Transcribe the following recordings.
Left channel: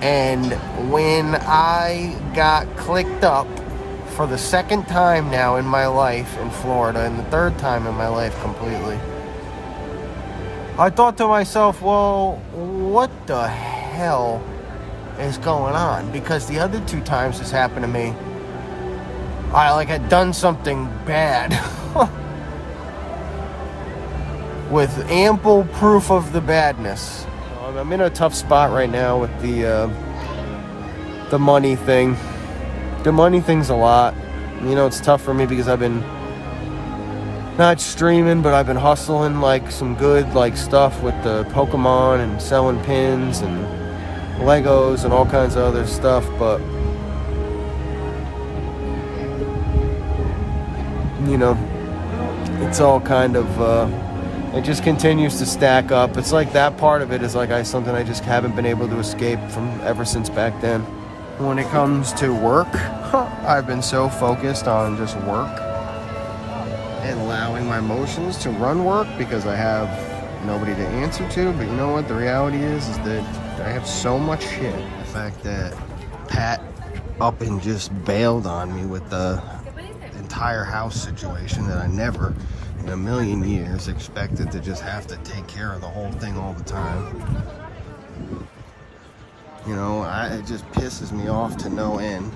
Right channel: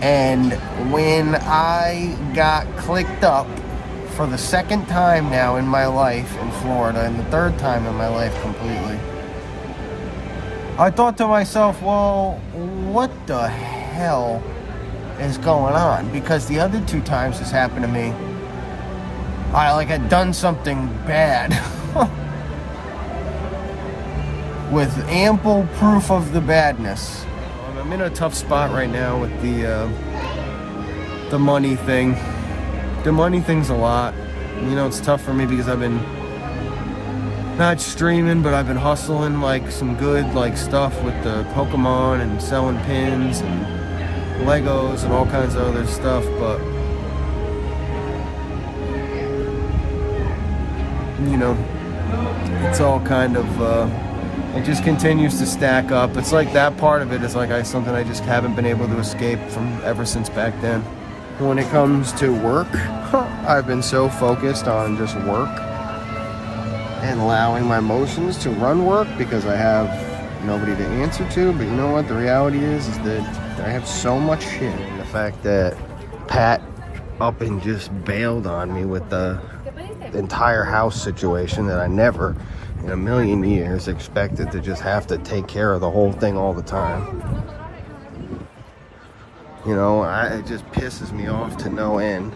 And when I got clicked up for the second time now in my life in Florida, and the third time in my life completely, I thought to myself, well, what the hell is going on? Because the other two times this happened to me, I had done something bad with ample proof of the badness. I'm in a tough spot right now with the money thing. The money thing's a lot. It's tough for me because I've been not streaming, but I've been hustling some good stuff with the Pokemon and selling pins and Legos and all kinds of other stuff, but it's all kind of it just continues to stack up. It's that part of it is something I just haven't been able to escape from ever since back then. When it comes to work, I've been so focused on just work and allowing my emotions to run work because I have nobody to answer to. But you know what? The reality is that I have so much shit. The fact that Pat up and just bailed on me with the entire house situation that I never in a million years expected to just have to take care of the whole thing all the time. It just pisses me off to no end.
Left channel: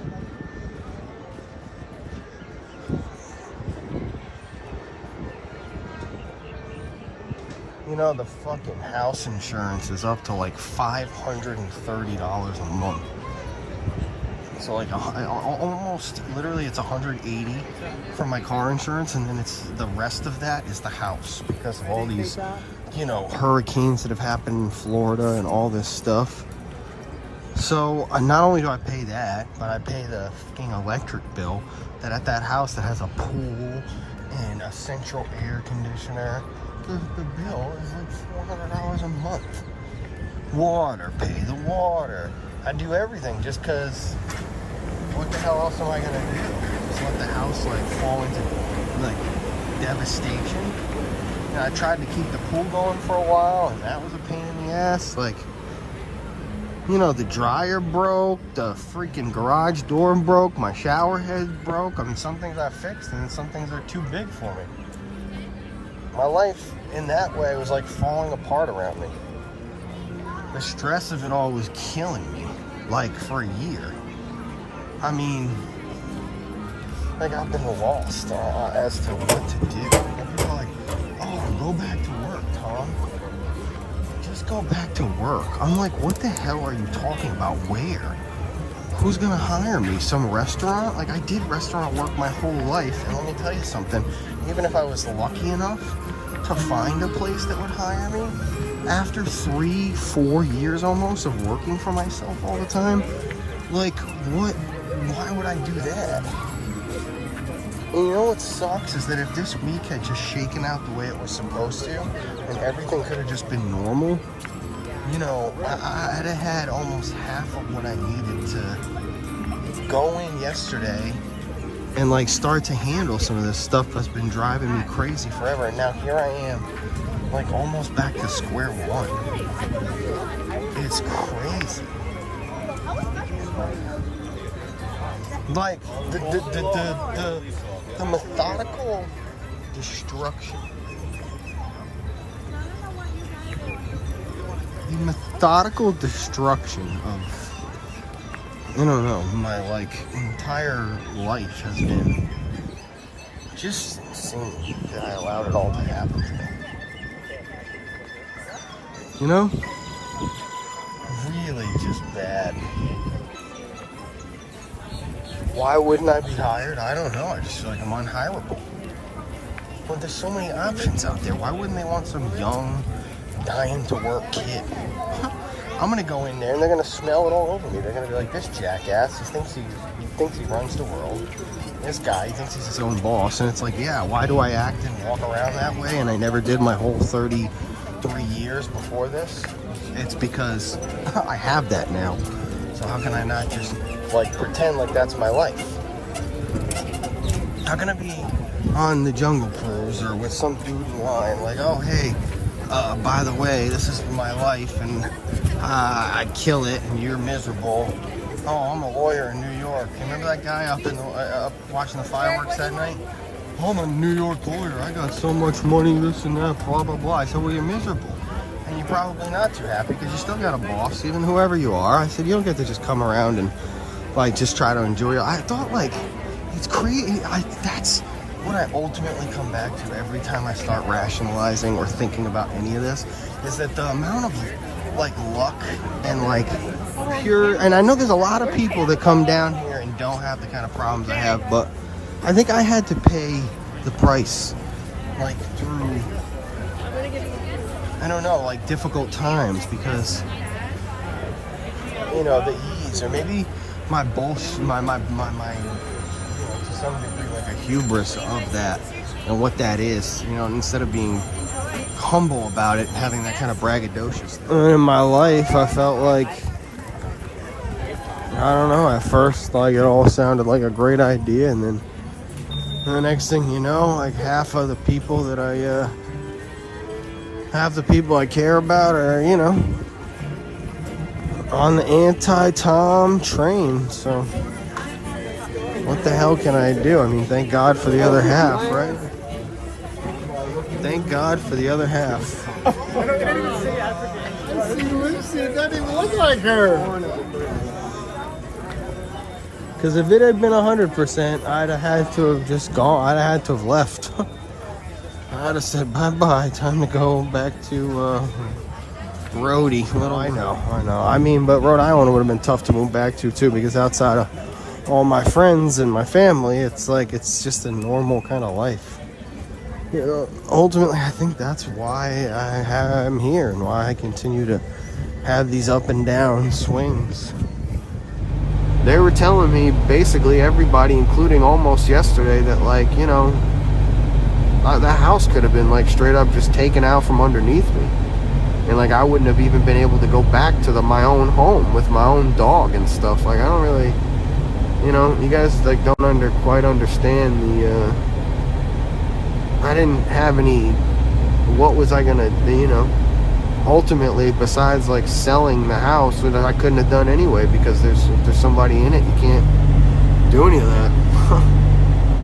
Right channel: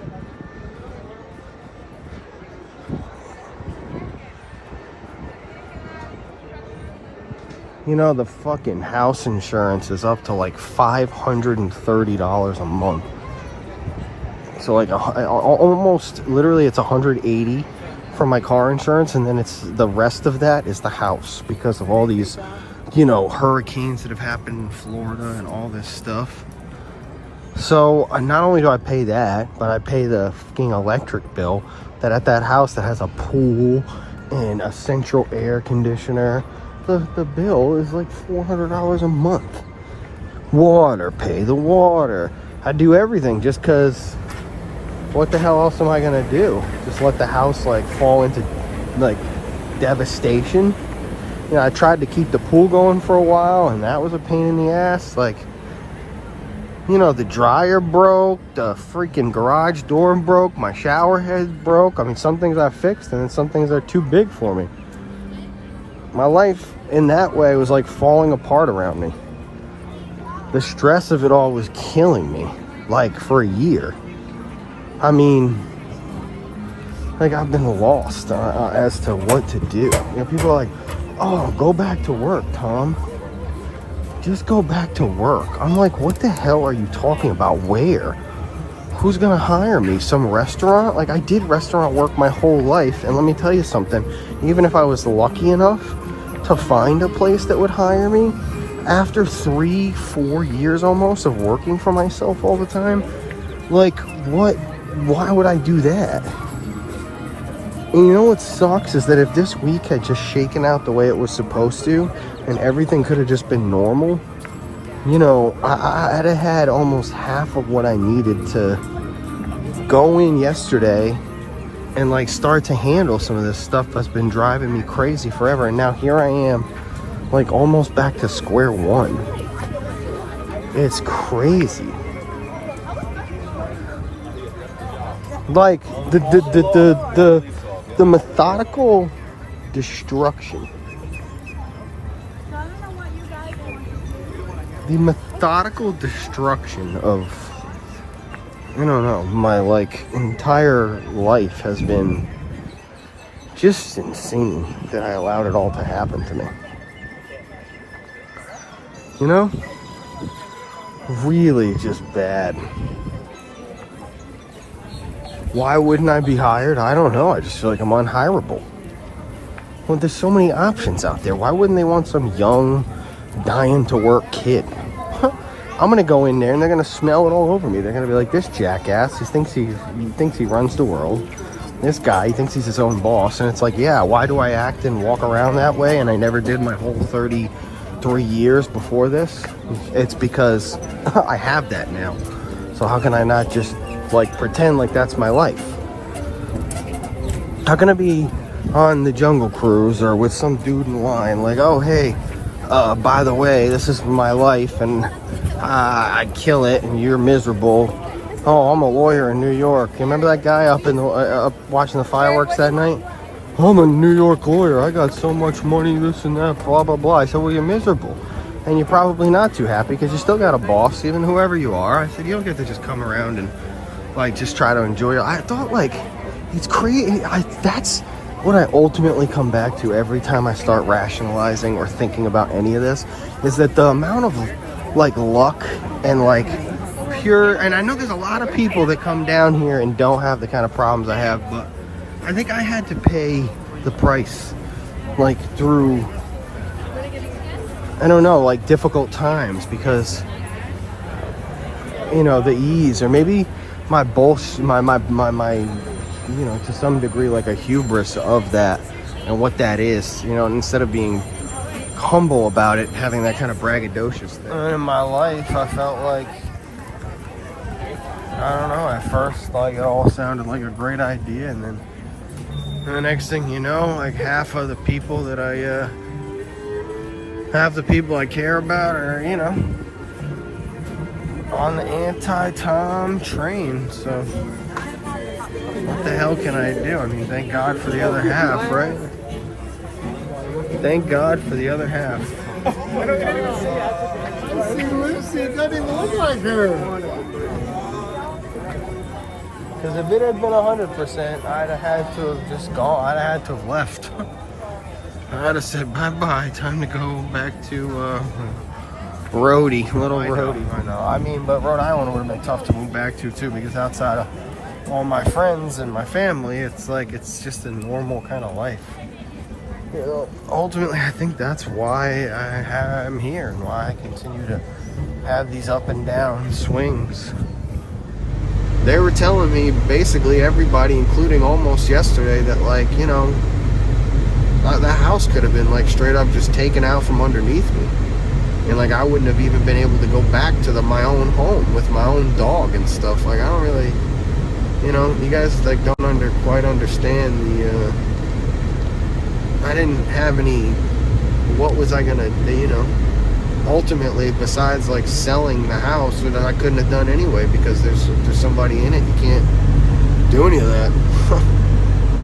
The fucking house insurance is up to $530 a month. So almost literally it's $180 for my car insurance, and then it's the rest of that is the house because of all these hurricanes that have happened in Florida and all this stuff. So not only do I pay that, but I pay the fucking electric bill that at that house that has a pool and a central air conditioner. The bill is $400 a month. Water, pay the water. I do everything just because what the hell else am I gonna do? Just let the house fall into devastation? I tried to keep the pool going for a while and that was a pain in the ass. The dryer broke, the freaking garage door broke, my shower head broke. Some things I fixed and then some things are too big for me. My life in that way was falling apart around me. The stress of it all was killing me, for a year. I've been lost as to what to do. People are oh, go back to work, Tom. Just go back to work. I'm what the hell are you talking about? Where? Who's gonna hire me? Some restaurant? I did restaurant work my whole life, and let me tell you something. Even if I was lucky enough to find a place that would hire me, after 3-4 years almost of working for myself all the time, what? Why would I do that? And what sucks is that if this week had just shaken out the way it was supposed to, and everything could have just been normal, I'd have had almost half of what I needed to go in yesterday and start to handle some of this stuff that's been driving me crazy forever. And now here I am, almost back to square one. It's crazy. The methodical destruction. The methodical destruction of, my entire life has been just insane that I allowed it all to happen to me. Really just bad. Why wouldn't I be hired? I don't know. I just feel I'm unhireable. Well, there's so many options out there. Why wouldn't they want some young, dying to work kid? I'm gonna go in there and they're gonna smell it all over me. They're gonna be this jackass, he thinks he runs the world. This guy, he thinks he's his own boss. And it's yeah, why do I act and walk around that way? And I never did my whole 33 years before this. It's because I have that now. So how can I not just pretend that's my life? How can I be on the Jungle Cruise or with some dude in line oh hey, by the way, this is my life and I kill it and you're miserable. Oh, I'm a lawyer in New York. You remember that guy up in the, up watching the fireworks that night? I'm a New York lawyer. I got so much money, this and that, blah, blah, blah. I said, well, you're miserable. And you're probably not too happy because you still got a boss, even whoever you are. I said, you don't get to just come around and like just try to enjoy it. I thought like, it's crazy. That's what I ultimately come back to every time I start rationalizing or thinking about any of this, is that the amount of like luck and like pure, and I know there's a lot of people that come down here and don't have the kind of problems I have, but I think I had to pay the price like through, I don't know, like difficult times because, you know, the ease, or maybe my bullshit, my you know, to some degree like a hubris of that and what that is, you know, instead of being humble about it, having that kind of braggadocious thing. In my life, I felt like, I don't know, at first, like it all sounded like a great idea, and then the next thing you know, like half of the people that half the people I care about are, you know, on the anti-Tom train, so what the hell can I do? I mean, thank God for the other half, right? Thank God for the other half. I see Lucy, it doesn't even look like her. Because if it had been 100%, I'd have had to have just gone. I'd have had to have left. I'd have said bye-bye. Time to go back to Rhodey, Little Rhodey. I know. I mean, but Rhode Island would have been tough to move back to too, because outside of all my friends and my family, it's like it's just a normal kind of life. You know, ultimately, I think that's why I'm here and why I continue to have these up and down swings. They were telling me, basically everybody, including almost yesterday, that like, you know, that house could have been like straight up just taken out from underneath me. And like I wouldn't have even been able to go back to my own home with my own dog and stuff. Like I don't really, you know, you guys like don't quite understand the, I didn't have any, what was I gonna do, you know, ultimately besides like selling the house that I couldn't have done anyway, because if there's somebody in it, you can't do any of that.